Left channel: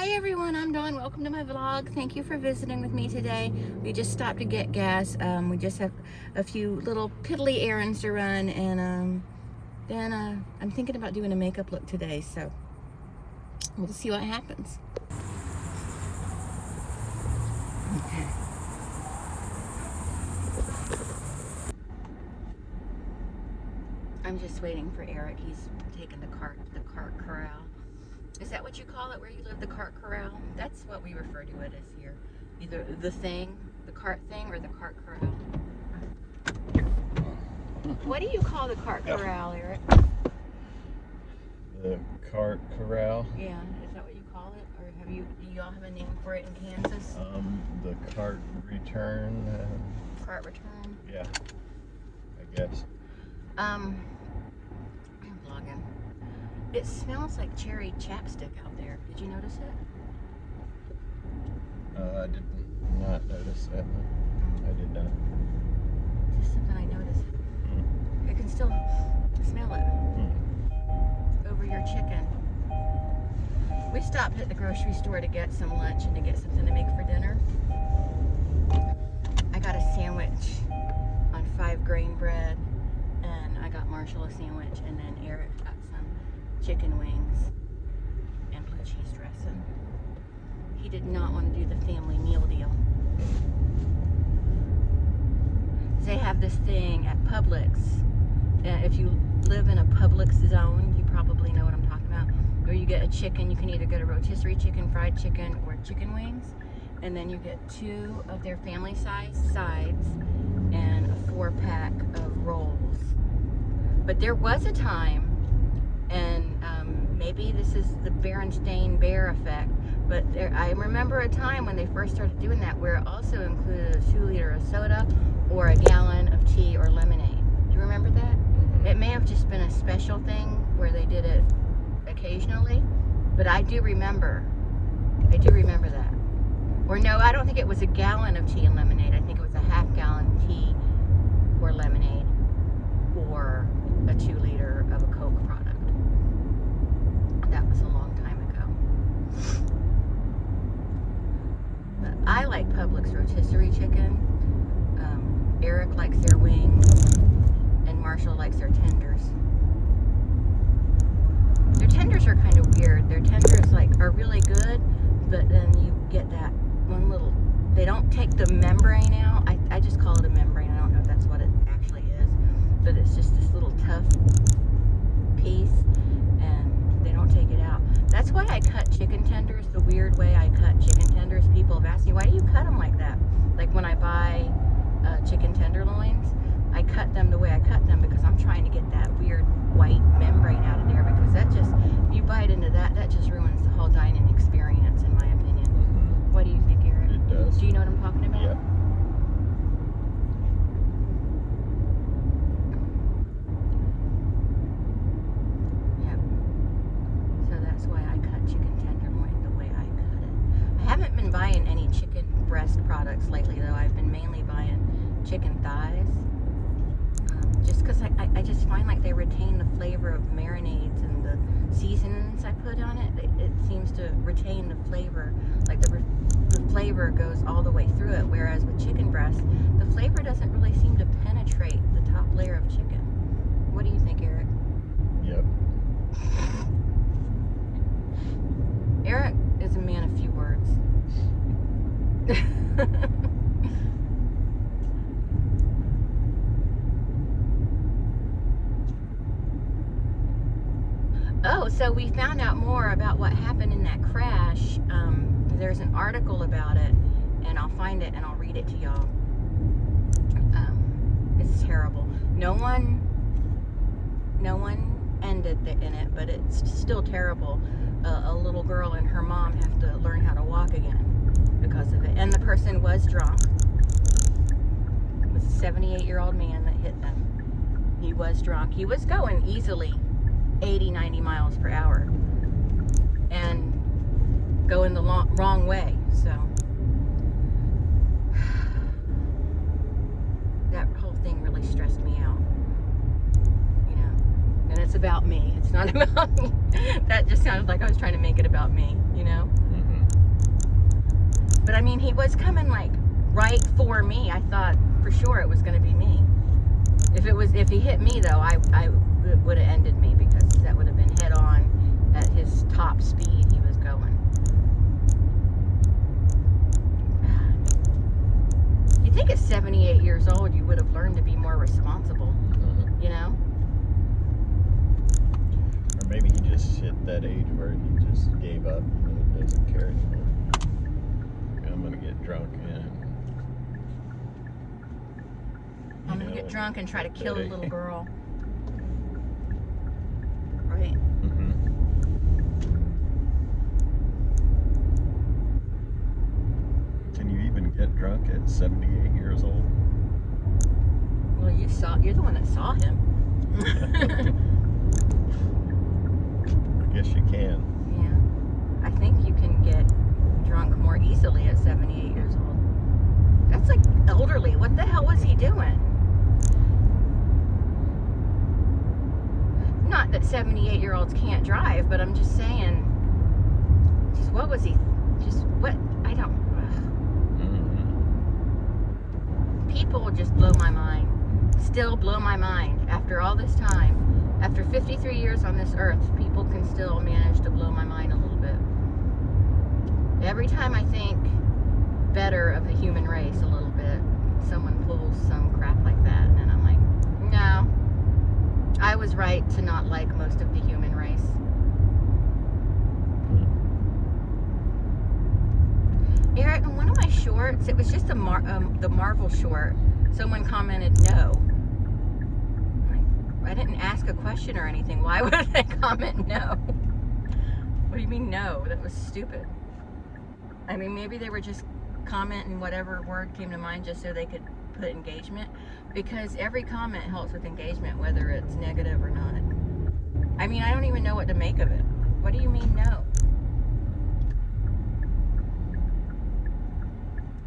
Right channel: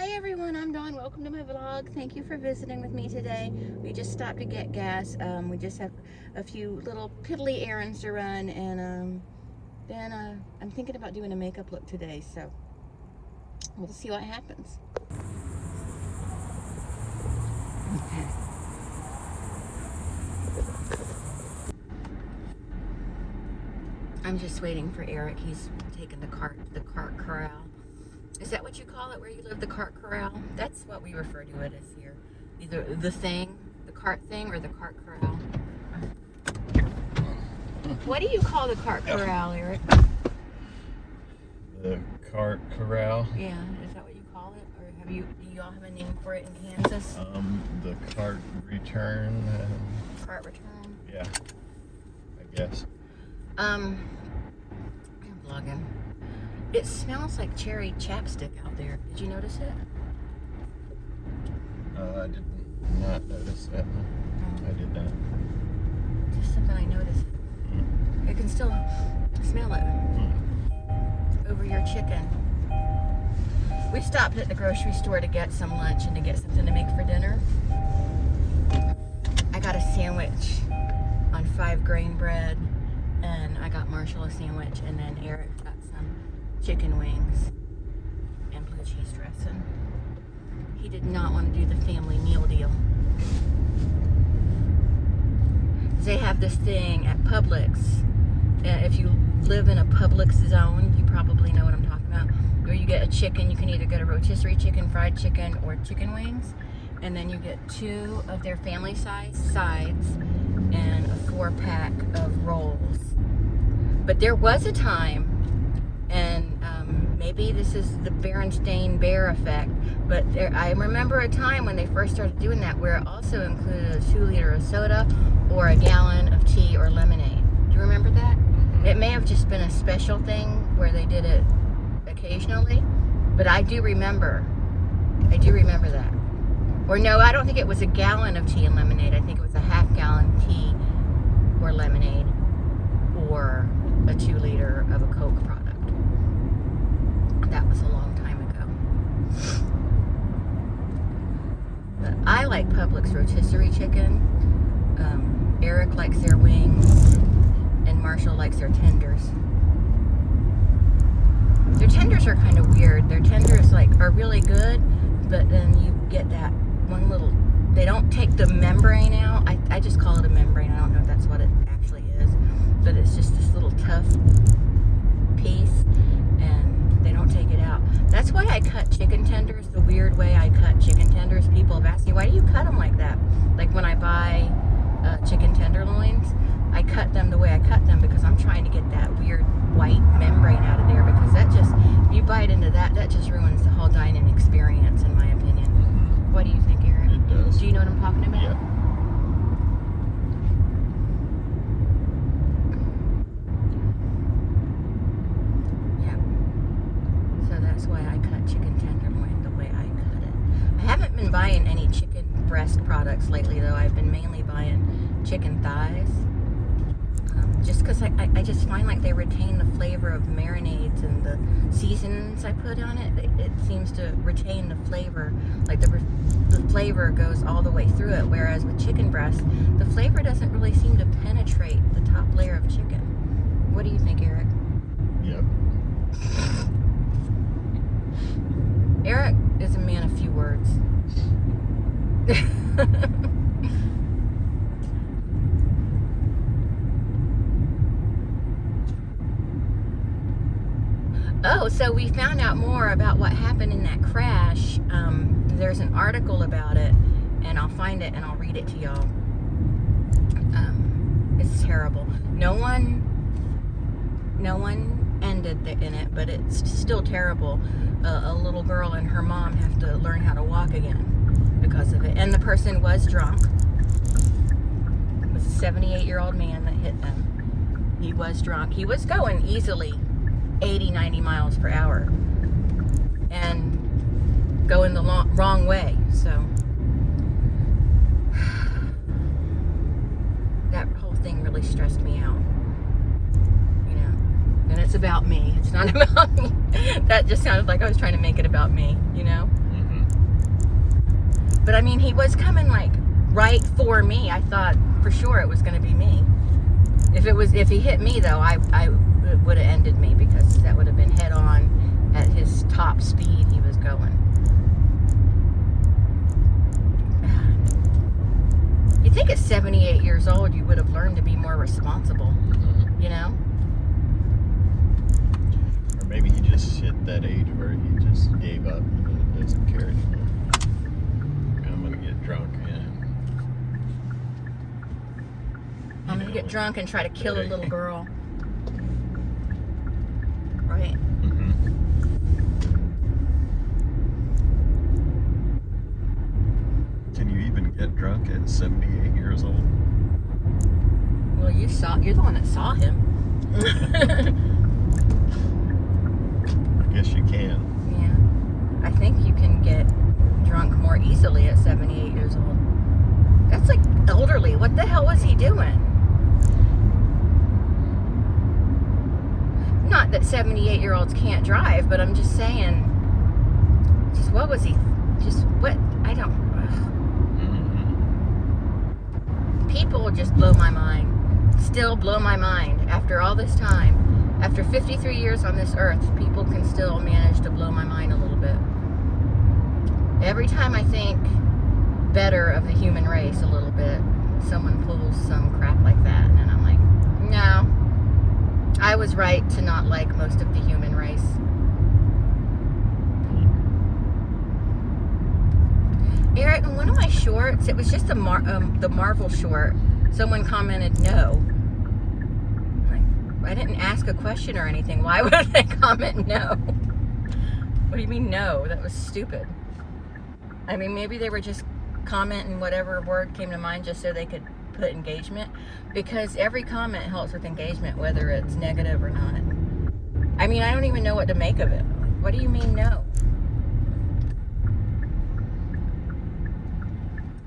Hi everyone, I'm Dawn. Welcome to my vlog. Thank you for visiting with me today. We just stopped to get gas. We just have a few little piddly errands to run, and then I'm thinking about doing a makeup look today, so we'll see what happens. I'm just waiting for Eric. He's taking the cart to the cart corral. Is that what you call it where you live, the cart corral? That's what we refer to it as here. Either the thing, the cart thing, or the cart corral. What do you call the cart corral, Eric? The cart corral. Yeah, is that what you call it? Or do y'all have a name for it in Kansas? The cart return. Cart return? Yeah, I guess. I'm vlogging. It smells like cherry chapstick out there. Did you notice it? I did not notice that. I did not. Just something I noticed. I can still smell it over your chicken. We stopped at the grocery store to get some lunch and to get something to make for dinner. I got a sandwich on 5-grain bread, and I got Marshall a sandwich, and then Eric got some chicken wings and blue cheese dressing. He did not want to do the family meal deal. They have this thing at Publix. If you live in a Publix zone, you probably know what I'm talking about. Where you get a chicken, you can either get a rotisserie chicken, fried chicken, or chicken wings. And then you get 2 of their family size sides and a 4-pack of rolls. But there was a time, and maybe this is the Berenstain Bear effect, but I remember a time when they first started doing that where it also included a 2-liter of soda or a gallon of tea or lemonade. Do you remember that? It may have just been a special thing where they did it occasionally, but I do remember that. Or no, I don't think it was a gallon of tea and lemonade. I think it was a half-gallon tea or lemonade or a 2-liter of a Coke product. That was a long time ago. But I like Publix rotisserie chicken. Eric likes their wings, and Marshall likes their tenders. Their tenders are kind of weird. Their tenders are really good, but then you get that one little, they don't take the membrane out. I just call it a membrane. I don't know if that's what it actually is, but it's just this little tough piece, and they don't take it out. That's why I cut chicken tenders the weird way I cut chicken tenders. People have asked me, why do you cut them like that? Like when I buy chicken tenderloins, I cut them the way I cut them because I'm trying to get that weird white membrane out of there, because that just, if you bite into that, that just ruins the whole dining experience, in my opinion. What do you think, Eric? It does. Do you know what I'm talking about? Yeah. So that's why I cut chicken tenderloin the way I cut it. I haven't been buying any chicken breast products lately, though. I've been mainly buying chicken thighs. Just because I just find like they retain the flavor of marinades and the seasonings I put on it. It seems to retain the flavor, like the flavor goes all the way through it, whereas with chicken breast, the flavor doesn't really seem to penetrate the top layer of chicken. What do you think, Eric? Yep. Eric is a man of few words. Oh, so we found out more about what happened in that crash. There's an article about it, and I'll find it and I'll read it to y'all. It's terrible. No one ended in it, but it's still terrible. A little girl and her mom have to learn how to walk again because of it. And the person was drunk. It was a 78-year-old man that hit them. He was drunk. He was going easily 80, 90 miles per hour and going the wrong way. So that whole thing really stressed me out, you know. And it's about me. It's not about me. That just sounded like I was trying to make it about me, you know. Mm-hmm. I mean, he was coming like right for me. I thought for sure it was going to be me. If he hit me though, I would have ended me, because that would have been head on at his top speed he was going. You think at 78 years old you would have learned to be more responsible, you know? Or maybe he just hit that age where he just gave up and doesn't care anymore. I'm gonna get drunk and I'm gonna get drunk and try to kill a little girl. Right. Can you even get drunk at 78 years old? Well, you're the one that saw him. I guess you can. Yeah. I think you can get drunk more easily at 78 years old. That's like elderly. What the hell was he doing? Not that 78-year-olds can't drive, but I'm just saying, just what was he, just what, I don't, people just blow my mind, still blow my mind after all this time. After 53 years on this earth, people can still manage to blow my mind a little bit. Every time I think better of the human race a little bit, someone pulls some crap like that, and I'm like, no, I was right to not like most of the human race. Eric, in one of my shorts, it was just the Marvel short, someone commented no. I didn't ask a question or anything. Why would they comment no? What do you mean no? That was stupid. I mean, maybe they were just commenting whatever word came to mind just so they could put engagement, because every comment helps with engagement, whether it's negative or not. I mean, I don't even know what to make of it. What do you mean no?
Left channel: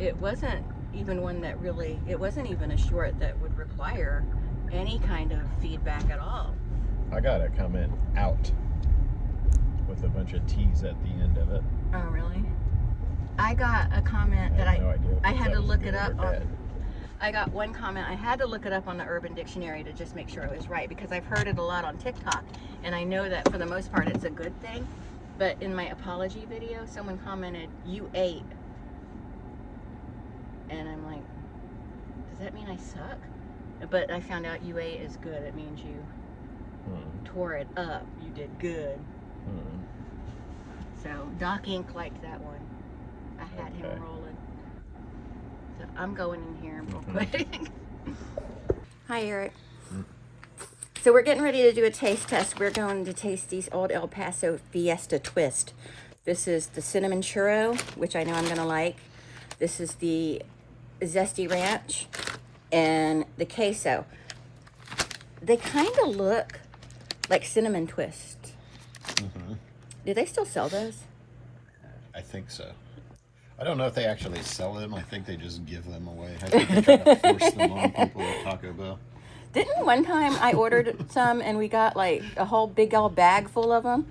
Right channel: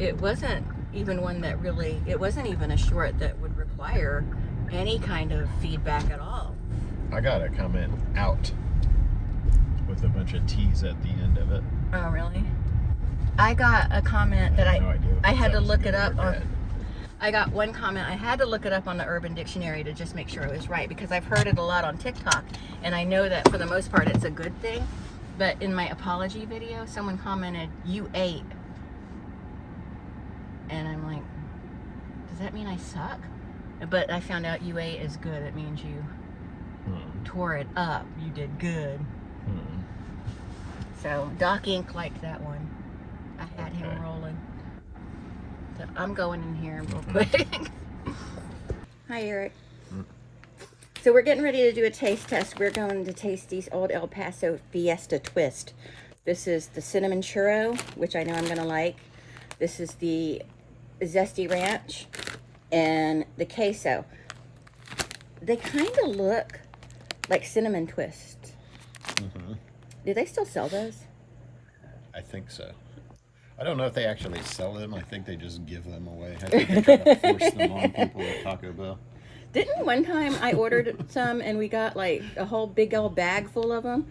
It wasn't even one that really, it wasn't even a short that would require any kind of feedback at all. I got a comment out with a bunch of T's at the end of it. Oh, really? I got a comment that I had to look it up on. I got one comment. I had to look it up on the Urban Dictionary to just make sure it was right, because I've heard it a lot on TikTok, and I know that for the most part it's a good thing. But in my apology video, someone commented, "You ate," and I'm like, does that mean I suck? But I found out you ate is good. It means you tore it up. You did good. So Doc Inc. liked that one. I had him rolling. So I'm going in here real quick. Hi, Eric. So we're getting ready to do a taste test. We're going to taste these Old El Paso Fiesta Twist. This is the cinnamon churro, which I know I'm gonna like. This is the zesty ranch and the queso. They kind of look like cinnamon twists. Do they still sell those? I think so. I don't know if they actually sell them. I think they just give them away. I think they try to force them on people at Taco Bell. Didn't one time I ordered some and we got like a whole big old bag full of them?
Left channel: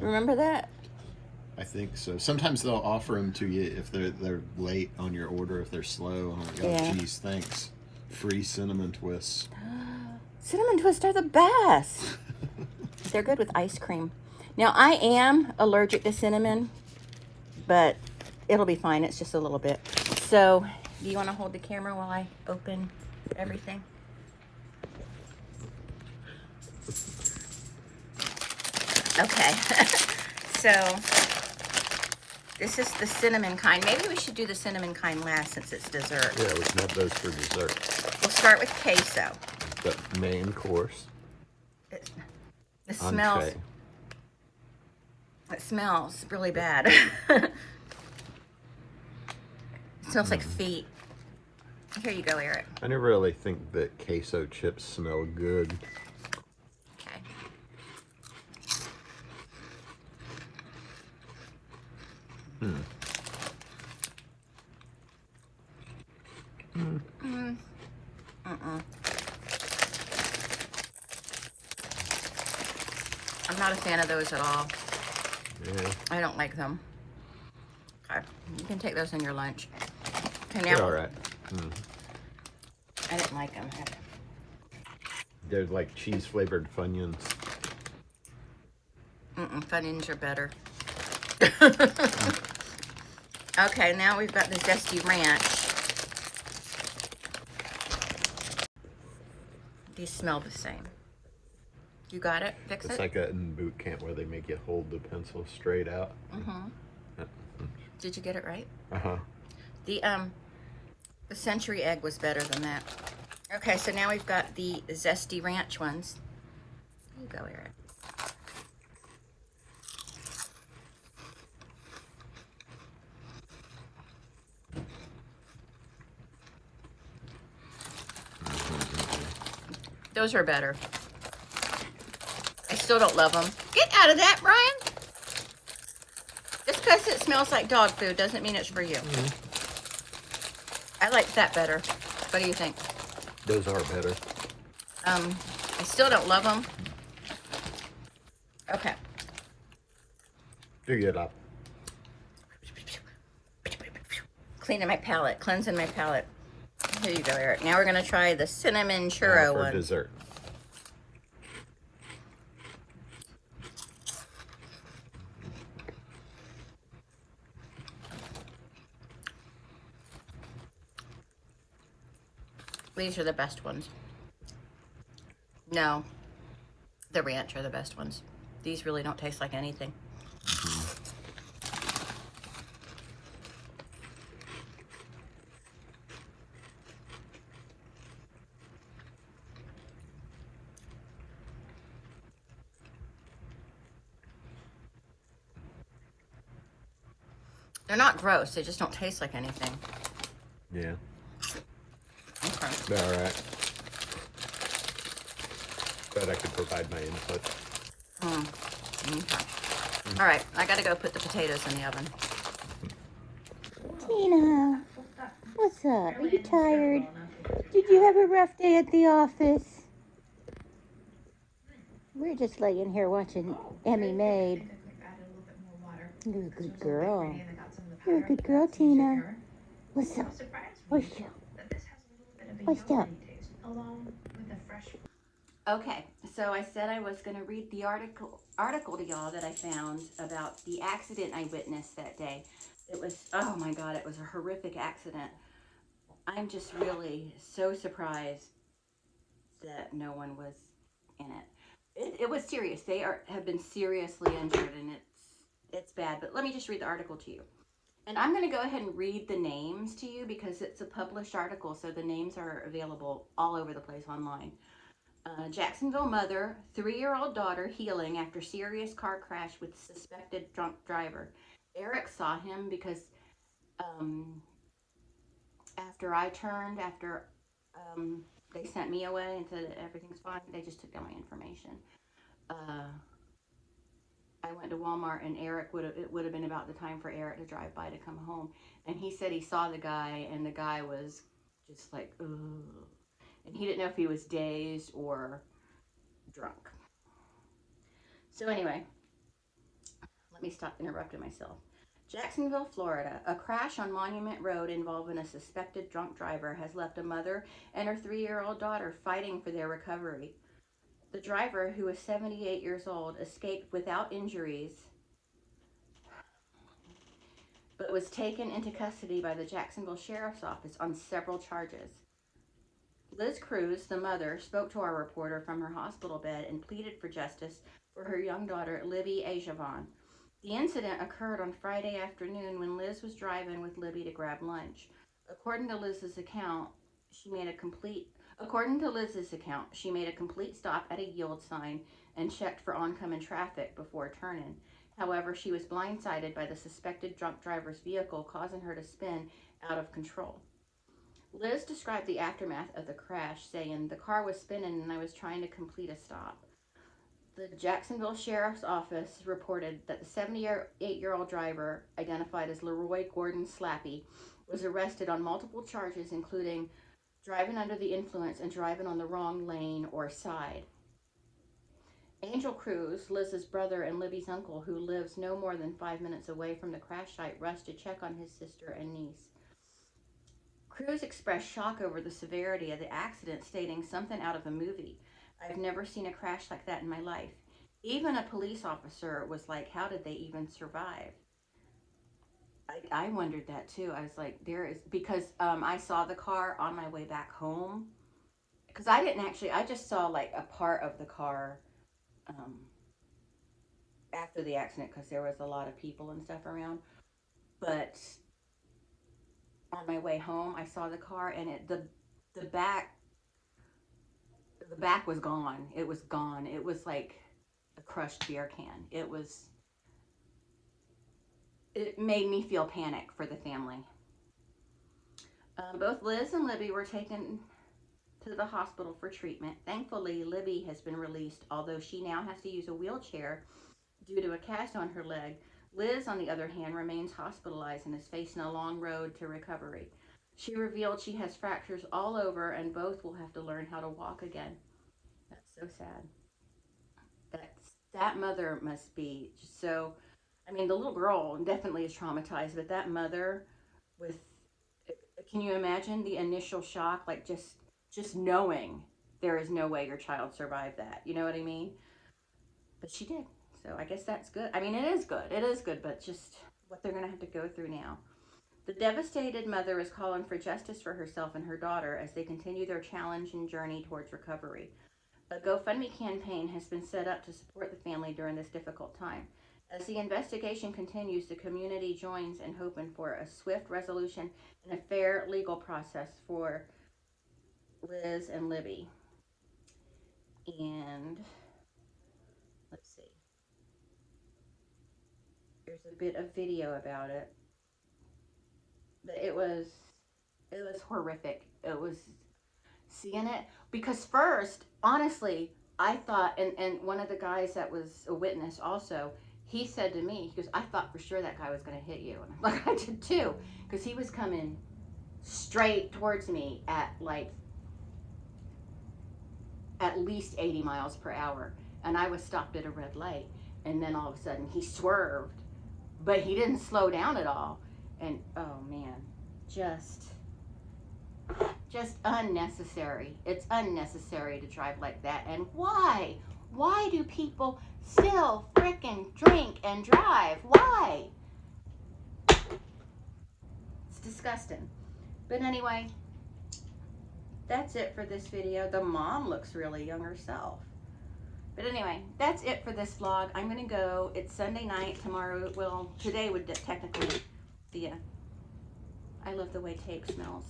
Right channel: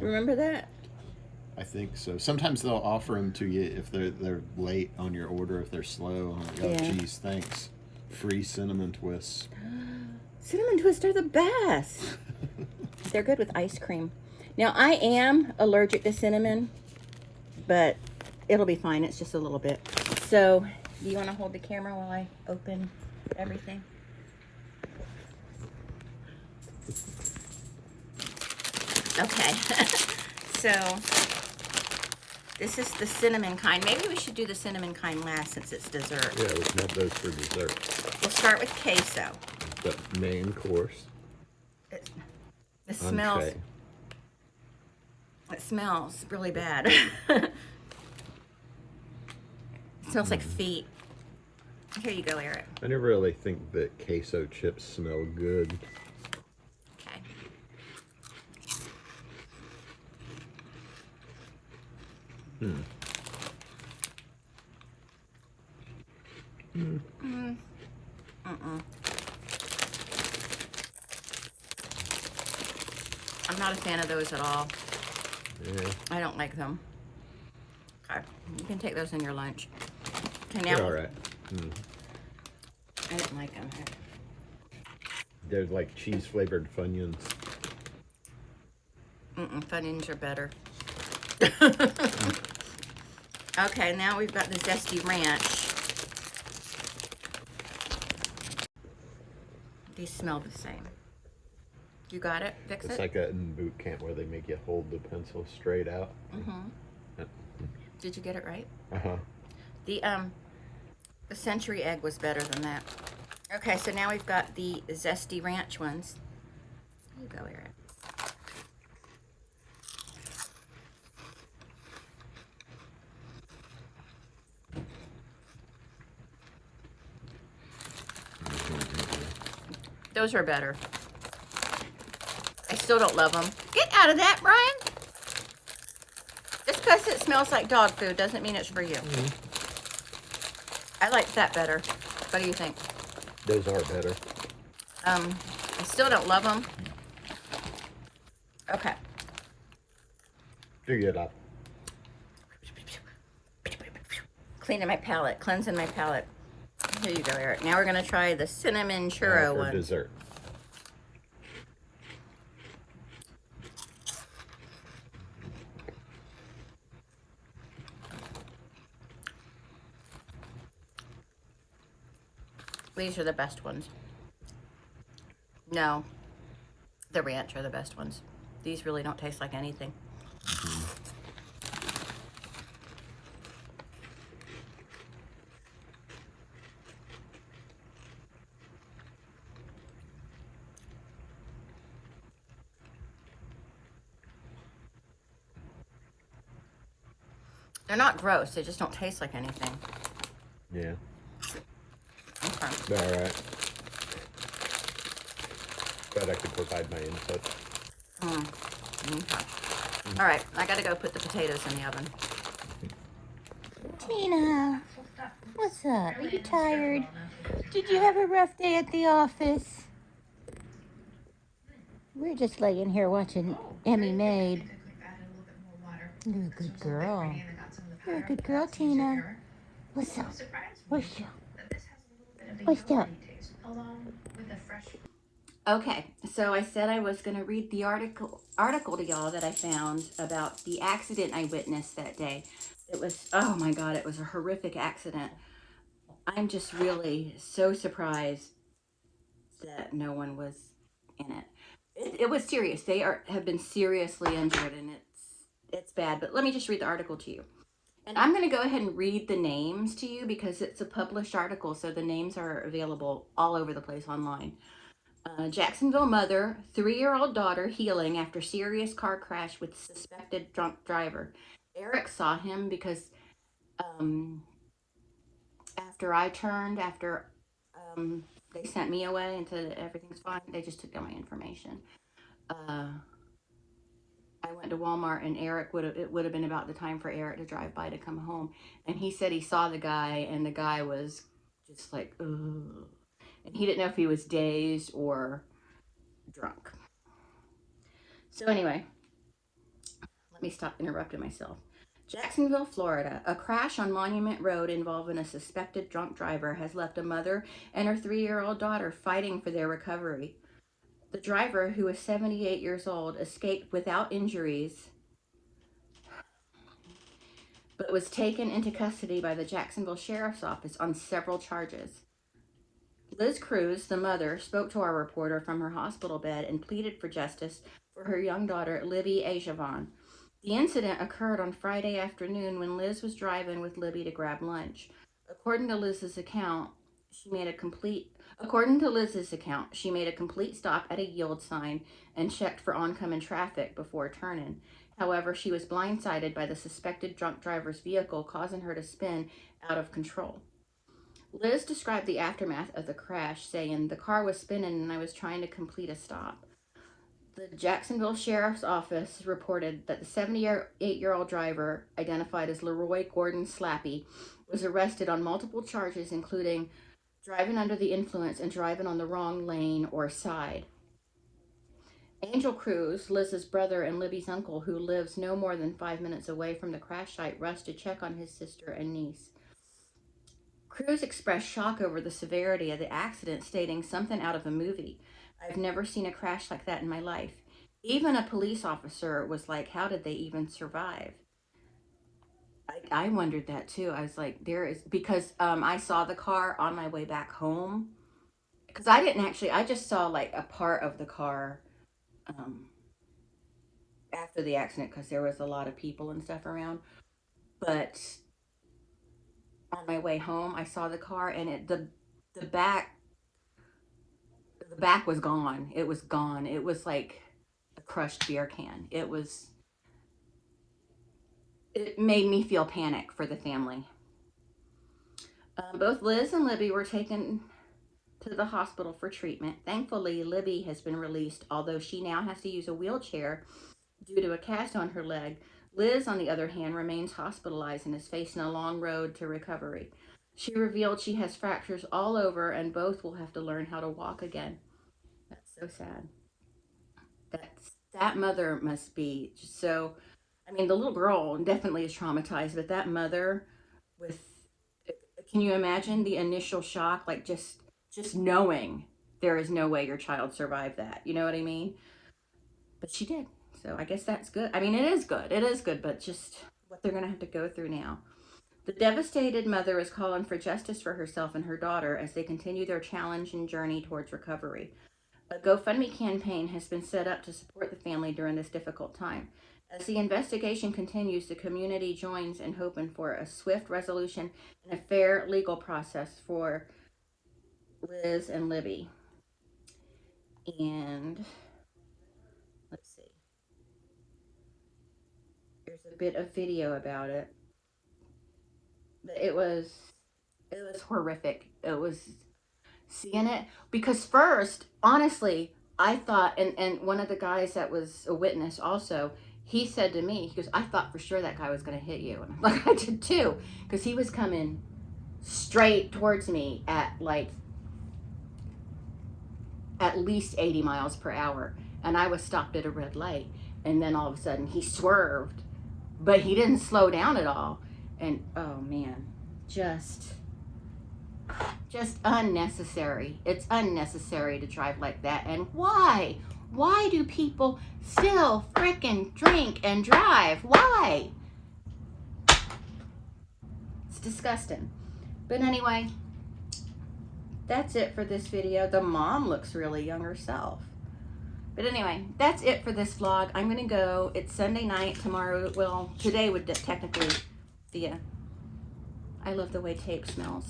Remember that? I think so. Sometimes they'll offer them to you if they're late on your order, if they're slow. I'm like, oh, geez, thanks. Free cinnamon twists. Cinnamon twists are the best. They're good with ice cream. Now, I am allergic to cinnamon, but it'll be fine. It's just a little bit. So, do you want to hold the camera while I open everything? Okay. So, this is the cinnamon kind. Maybe we should do the cinnamon kind last since it's dessert. Yeah, we can have those for dessert. We'll start with queso. The main course. It smells. It smells really bad. It smells like feet. Here you go, Eric. I never really think that queso chips smell good. Okay. I'm not a fan of those at all. I don't like them. Okay. can take those in your lunch. Okay, They're now all right. I didn't like them. They're like cheese flavored Funyuns. Funyuns are better. Okay, now we've got the Zesty Ranch. These smell the same. You got it? Fix It's it? like that in boot camp where they make you hold the pencil straight out. Did you get it right? Uh-huh. The Century Egg was better than that. Okay, so now we've got the Zesty Ranch ones. Here you go, Eric. Those are better. I still don't love them. Get out of that, Brian. Just because it smells like dog food doesn't mean it's for you. I like that better. What do you think? Those are better. I still don't love them. Okay. Figure it out. Cleaning my palate, cleansing my palate. Here you go, Eric. Now we're gonna try the cinnamon churro For one. dessert. These are the best ones. No, the ranch are the best ones. These really don't taste like anything. They're not gross, they just don't taste like anything. Yeah. Okay. They're all right. But I can provide my input. Okay. All right, I gotta go put the potatoes in the oven. Tina, what's up? Are you tired? Did you have a rough day at the office? We're just laying here watching Emmy Maid. You're a good girl. You're a good girl, Tina. What's up? What's up? What's up? Okay, so I said I was going to read the article to y'all that I found about the accident I witnessed that day. It was, oh my God, it was a horrific accident. I'm just really so surprised that no one was in it. It was serious. They have been seriously injured, and it's bad. But let me just read the article to you. And I'm going to go ahead and read the names to you because it's a published article, so the names are available all over the place online. Jacksonville mother, 3-year-old daughter healing after serious car crash with suspected drunk driver. Eric saw him because after they sent me away and said everything's fine, they just took down my information. I went to Walmart, and it would have been about the time for Eric to drive by to come home, and he said he saw the guy, and the guy was just like, ugh. And he didn't know if he was dazed or drunk. So anyway, let me stop interrupting myself. Jacksonville, Florida. A crash on Monument Road involving a suspected drunk driver has left a mother and her 3-year-old daughter fighting for their recovery. The driver, who was 78 years old, escaped without injuries, but was taken into custody by the Jacksonville Sheriff's Office on several charges. Liz Cruz, the mother, spoke to our reporter from her hospital bed and pleaded for justice for her young daughter, Libby Ajavon. The incident occurred on Friday afternoon when Liz was driving with Libby to grab lunch. According to Liz's account, she made a complete stop at a yield sign and checked for oncoming traffic before turning. However, she was blindsided by the suspected drunk driver's vehicle, causing her to spin out of control. Liz described the aftermath of the crash, saying, "The car was spinning and I was trying to complete a stop." The Jacksonville Sheriff's Office reported that the 78-year-old driver, identified as Leroy Gordon Slappy, was arrested on multiple charges, including driving under the influence and driving on the wrong lane or side. Angel Cruz, Liz's brother and Libby's uncle, who lives no more than 5 minutes away from the crash site, rushed to check on his sister and niece. Cruz expressed shock over the severity of the accident, stating, "Something out of a movie. I've never seen a crash like that in my life." Even a police officer was like, how did they even survive? I wondered that too. I was like, there is, because I saw the car on my way back home. Because I didn't actually, I just saw like a part of the car um, after the accident because there was a lot of people and stuff around. But on my way home, I saw the car and the back the back was gone. It was gone. It was like a crushed beer can. It made me feel panic for the family. Both Liz and Libby were taken to the hospital for treatment. Thankfully, Libby has been released, although she now has to use a wheelchair due to a cast on her leg. Liz, on the other hand, remains hospitalized and is facing a long road to recovery. She revealed she has fractures all over and both will have to learn how to walk again. That's so sad. That mother must be just so, I mean, the little girl definitely is traumatized, but that mother with, can you imagine the initial shock, like just knowing there is no way your child survived that, you know what I mean? But she did. So I guess that's good. I mean, it is good. It is good, but just what they're going to have to go through now. The devastated mother is calling for justice for herself and her daughter as they continue their challenge and journey towards recovery. A GoFundMe campaign has been set up to support the family during this difficult time. As the investigation continues, the community joins in hoping for a swift resolution and a fair legal process for Liz and Libby. And let's see. There's a bit of video about it. But it was horrific. It was seeing it because first, honestly, I thought, and one of the guys that was a witness also, he said to me, he goes, "I thought for sure that guy was going to hit you," and I'm like, I did too, because he was coming straight towards me at like at least 80 miles per hour, and I was stopped at a red light, and then all of a sudden he swerved, but he didn't slow down at all, and oh man, just unnecessary. It's unnecessary to drive like that. And why? Why do people still frickin' drink and drive? Why? It's disgusting. But anyway, that's it for this video. The mom looks really young herself. But anyway, that's it for this vlog. I'm gonna go. It's Sunday night. Tomorrow, well, today would technically be I love the way tape smells.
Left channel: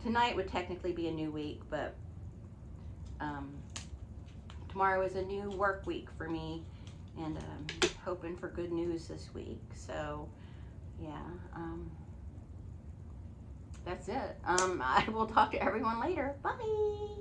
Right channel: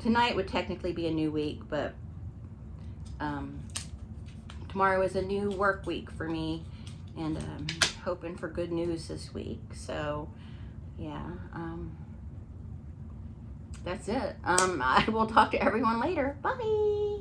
Tonight would technically be a new week, but tomorrow is a new work week for me, and hoping for good news this week. So yeah, that's it. I will talk to everyone later. Bye.